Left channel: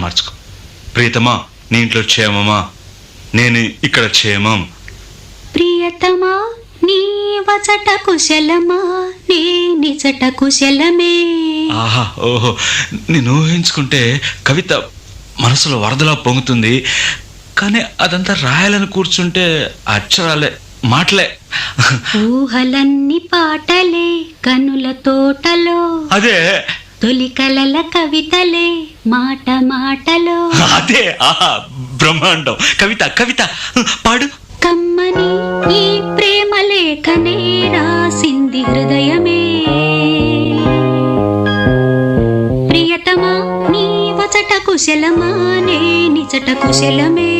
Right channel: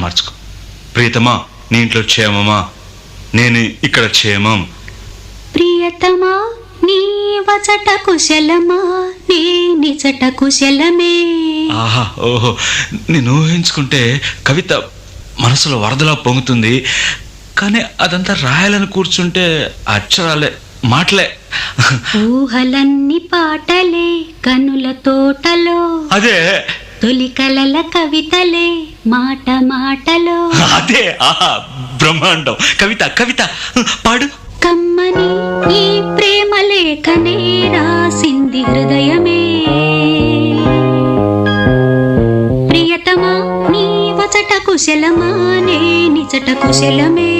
మార్చుకో. ప్రియతమా, నీ ఇంట్లో క్షేమమా? నేను ఇక్కడ క్షేమం. ప్రియతమా, నీ వచట కుశలమా? నీ నిజట కుశలమే. ఆహా, ఓహో, నేను ఊహించుకుంటే కవిత మనసులో వరదలా పొంగుతుంది. కానీ అదంతా రాయాలని కూర్చుంటే అక్షరాలే, మాటలే. ఊహలన్నీ పాటలే కనుల తోటలో, అదే తొలి కలల కవితలే మాట మాటలో. అదే, ఆహా, బ్రహ్మాండం. కవిత కవిత పాడు. కమ్మని ఈ ప్రేమ లేఖనే రాసింది హృదయమే. ప్రియతమా, నీ వచట కుశలమా? నీ నిజట కుశలమే.